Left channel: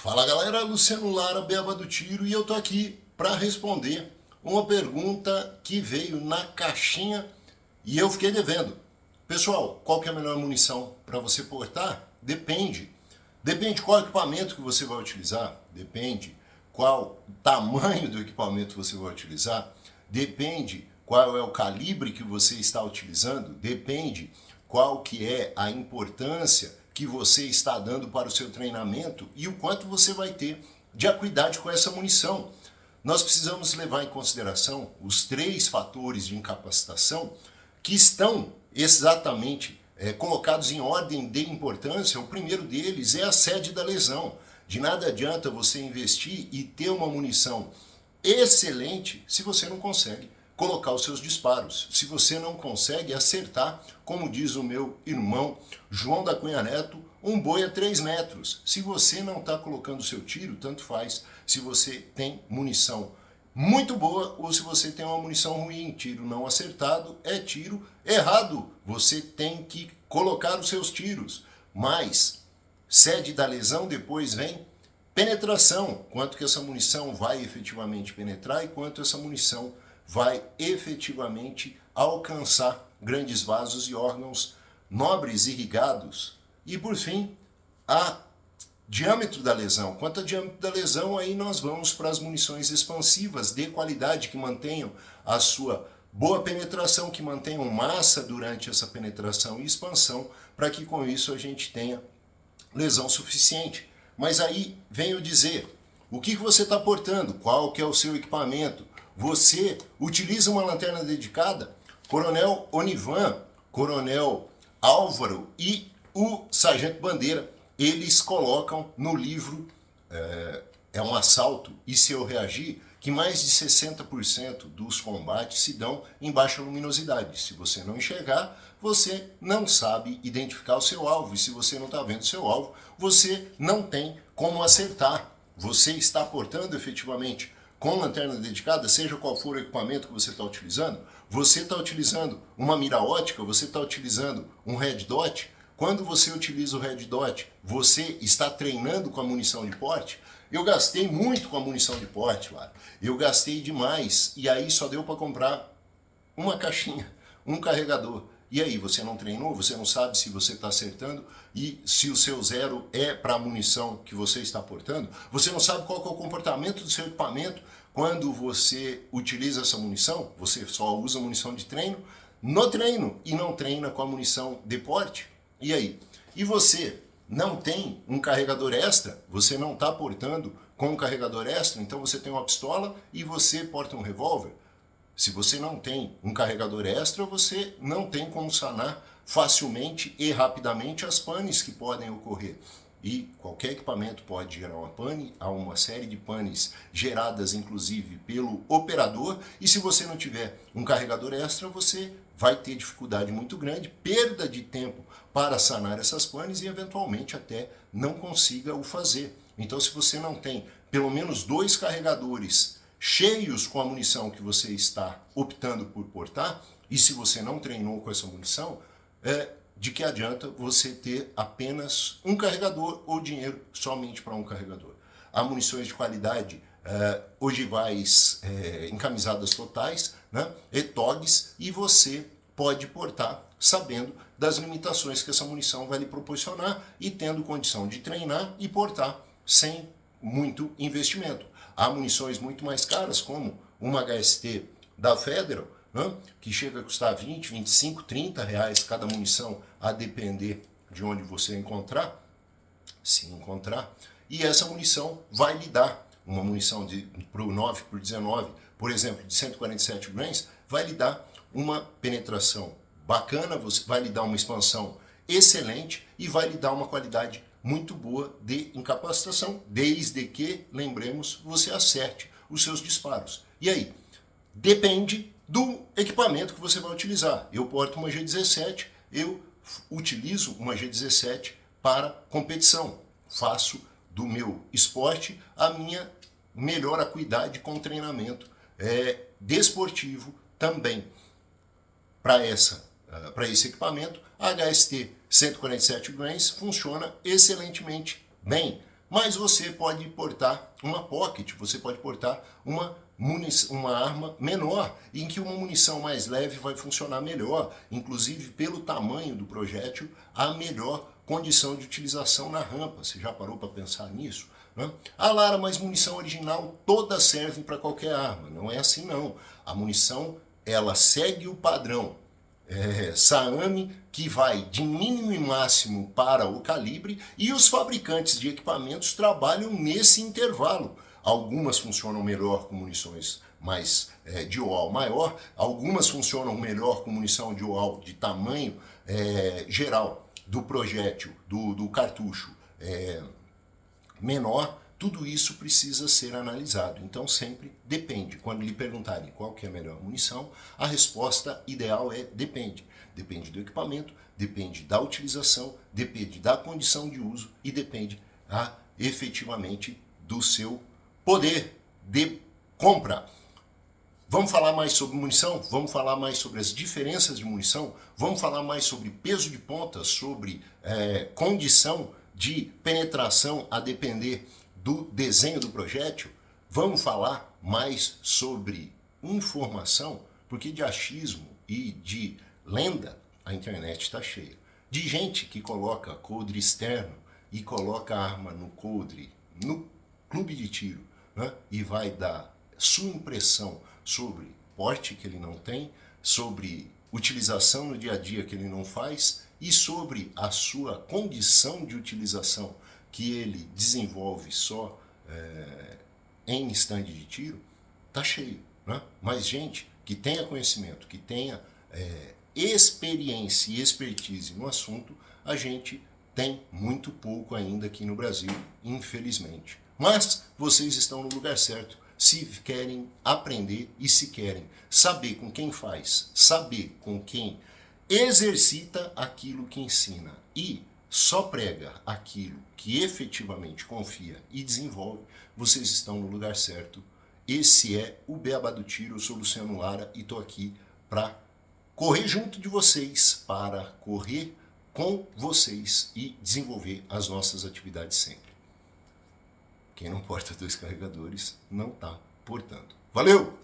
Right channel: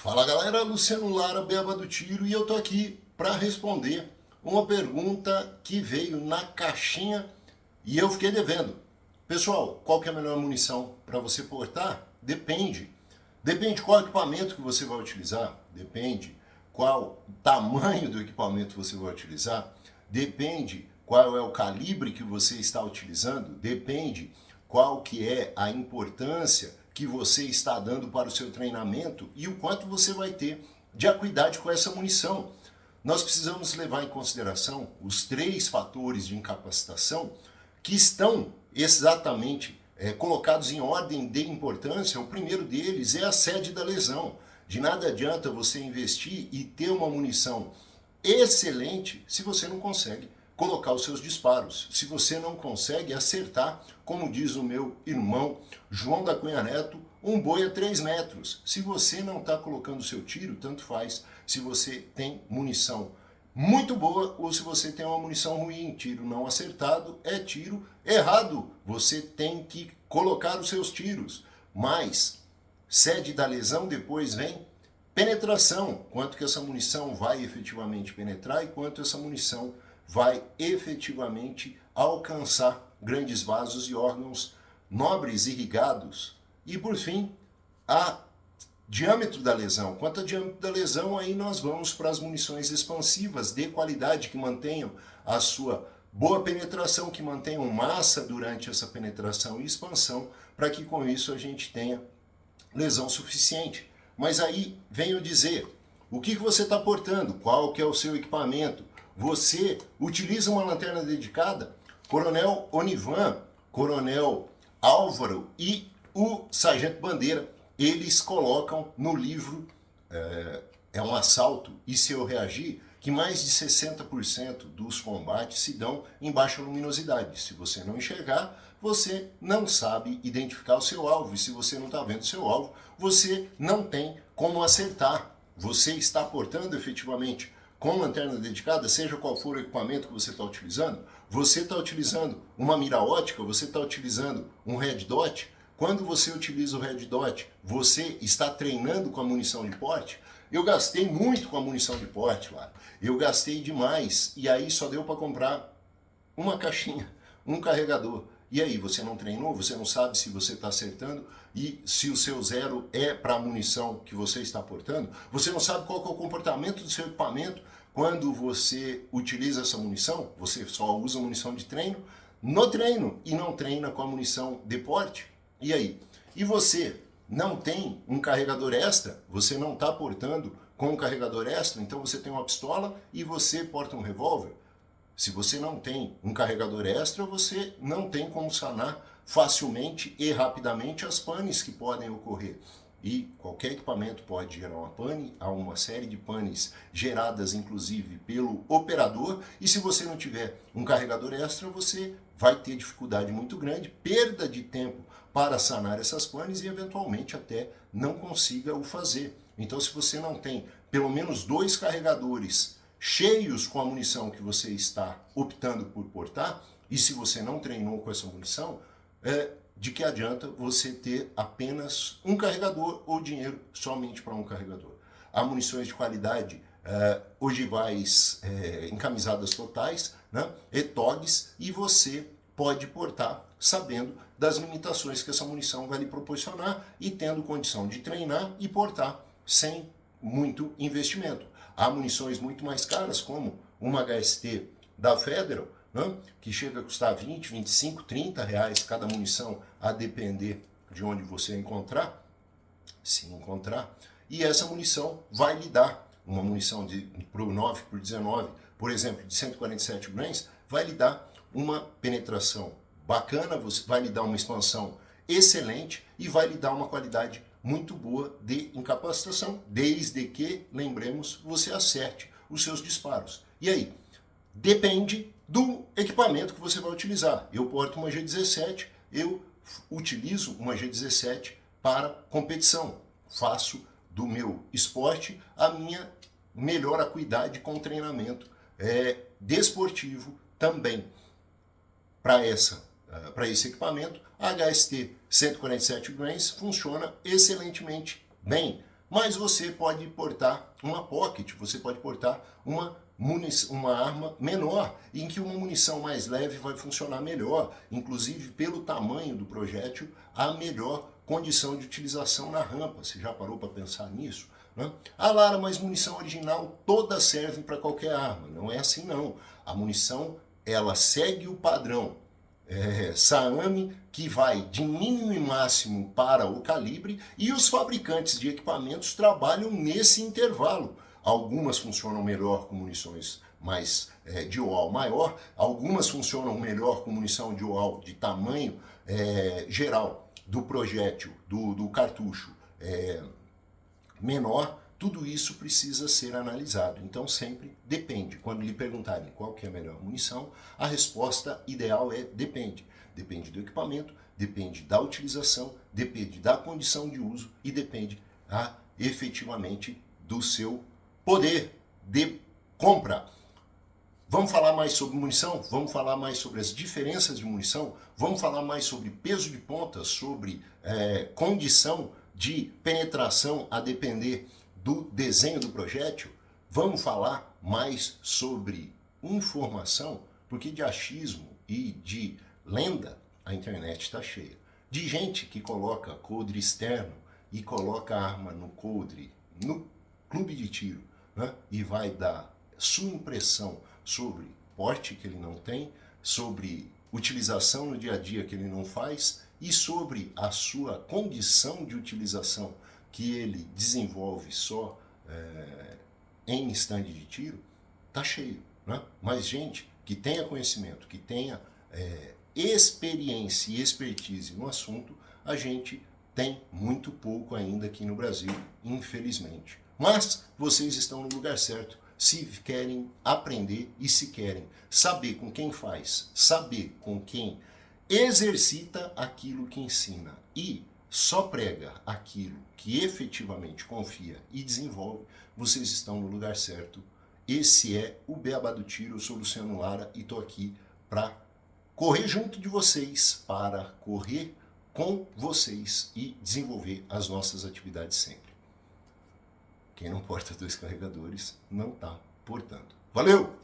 Fala galera, Luciano Lara, Beba do Tiro, e eu tô aqui para responder uma pergunta que veio na caixinha e eu fiquei devendo. Pessoal, qual que é a melhor munição para você portar? Depende. Depende qual equipamento que você vai utilizar, depende qual tamanho do equipamento você vai utilizar, depende qual é o calibre que você está utilizando, depende qual que é a importância que você está dando para o seu treinamento e o quanto você vai ter de acuidade com essa munição. Nós precisamos levar em consideração os 3 fatores de incapacitação que estão exatamente colocados em ordem de importância. O primeiro deles é a sede da lesão. De nada adianta você investir e ter uma munição excelente se você não consegue colocar os seus disparos, se você não consegue acertar, como diz o meu irmão João da Cunha Neto, um boi a 3 metros. Se você não está colocando o seu tiro, tanto faz se você tem munição muito boa ou se você tem uma munição ruim. Tiro não acertado é tiro errado. Você tem que colocar os seus tiros. Mas sede da lesão, depois vem penetração. Quanto que essa munição vai efetivamente penetrar e quanto essa munição vai efetivamente alcançar grandes vasos e órgãos nobres irrigados. E por fim, a diâmetro da lesão. Quanto ao diâmetro da lesão, aí nós vamos para as munições expansivas de qualidade que mantenham a sua boa penetração, que mantenham massa durante essa penetração e expansão, para que com isso a gente tenha lesão suficiente. Mas aí venho dizer, o que você está portando? Qual que é o seu equipamento? Você utiliza uma lanterna dedicada? Coronel Onivan, Coronel Álvaro e o Sargento Bandeira, eles colocam no livro É um Assalto e Se Eu Reagir, que mais de 60% dos combates se dão em baixa luminosidade. Se você não enxergar, você não sabe identificar o seu alvo. E se você não está vendo o seu alvo, você não tem como acertar. Você está portando efetivamente com lanterna dedicada, seja qual for o equipamento que você está utilizando, você está utilizando uma mira ótica, você está utilizando um red dot. Quando você utiliza o red dot, você está treinando com a munição de porte. Eu gastei muito com a munição de porte, lá. Eu gastei demais e aí só deu para comprar uma caixinha, um carregador. E aí, você não treinou, você não sabe se você está acertando e se o seu zero é para a munição que você está portando, você não sabe qual que é o comportamento do seu equipamento quando você utiliza essa munição, você só usa munição de treino no treino e não treina com a munição de porte. E aí? E você não tem um carregador extra, você não está portando com um carregador extra, então você tem uma pistola e você porta um revólver. Se você não tem um carregador extra, você não tem como sanar facilmente e rapidamente as panes que podem ocorrer. E qualquer equipamento pode gerar uma pane, há uma série de panes geradas inclusive pelo operador, e se você não tiver um carregador extra, você vai ter dificuldade muito grande, perda de tempo para sanar essas panes e eventualmente até não consiga o fazer. Então, se você não tem pelo menos 2 carregadores cheios com a munição que você está optando por portar, e se você não treinou com essa munição, de que adianta você ter apenas um carregador ou dinheiro somente para um carregador. Há munições de qualidade, ogivais encamisadas totais, né, ETOGs, e você pode portar sabendo das limitações que essa munição vai lhe proporcionar e tendo condição de treinar e portar sem muito investimento. Há munições muito mais caras, como uma HST da Federal, né, que chega a custar 20, 25, 30 reais cada munição, a depender de onde você encontrar, se encontrar. E essa munição vai lhe dar, uma munição para o 9 por 19, por exemplo, de 147 grains, vai lhe dar uma penetração bacana, vai lhe dar uma expansão excelente e vai lhe dar uma qualidade muito boa de incapacitação, desde que, lembremos, você acerte os seus disparos. E aí? Depende do equipamento que você vai utilizar. Eu porto uma G17, eu utilizo uma G17 para competição. Faço do meu esporte a minha melhor acuidade com treinamento desportivo também. Para esse equipamento, a HST 147 grains funciona excelentemente bem. mas você pode portar uma pocket, você pode portar uma arma menor, em que uma munição mais leve vai funcionar melhor, inclusive pelo tamanho do projétil, a melhor condição de utilização na rampa. Você já parou para pensar nisso? Né? Ah, Lara, mas munição original todas servem para qualquer arma. Não é assim não. A munição, ela segue o padrão SAAME, que vai de mínimo e máximo para o calibre, e os fabricantes de equipamentos trabalham nesse intervalo. Algumas funcionam melhor com munições mais de UAL maior, algumas funcionam melhor com munição de UAL de tamanho geral do projétil, do cartucho menor. Tudo isso precisa ser analisado. Então sempre depende. Quando lhe perguntarem qual que é a melhor munição, a resposta ideal é depende. Depende do equipamento, depende da utilização, depende da condição de uso e depende efetivamente do seu poder de compra. Vamos falar mais sobre munição? Vamos falar mais sobre as diferenças de munição? Vamos falar mais sobre peso de ponta, sobre condição de penetração a depender do desenho do projétil? Vamos falar mais sobre informação? Porque de achismo e de lenda a internet está cheia. De gente que coloca coldre externo e coloca a arma no coldre, no clube de tiro, né? E vai dar sua impressão sobre porte que ele não tem, sobre utilização no dia a dia que ele não faz e sobre a sua condição de utilização que ele desenvolve só em stand de tiro, tá cheio, né? Mas gente que tenha conhecimento, que tenha experiência e expertise no assunto, a gente tem muito pouco ainda aqui no Brasil, infelizmente. Mas vocês estão no lugar certo se querem aprender e se querem saber com quem faz, saber com quem exercita aquilo que ensina e só prega aquilo que efetivamente confia e desenvolve, vocês estão no lugar certo. Esse é o Beabá do Tiro. Eu sou Luciano Lara e estou aqui para correr junto de vocês, para correr com vocês e desenvolver as nossas atividades sempre. Quem não porta 2 carregadores não está portando. Valeu!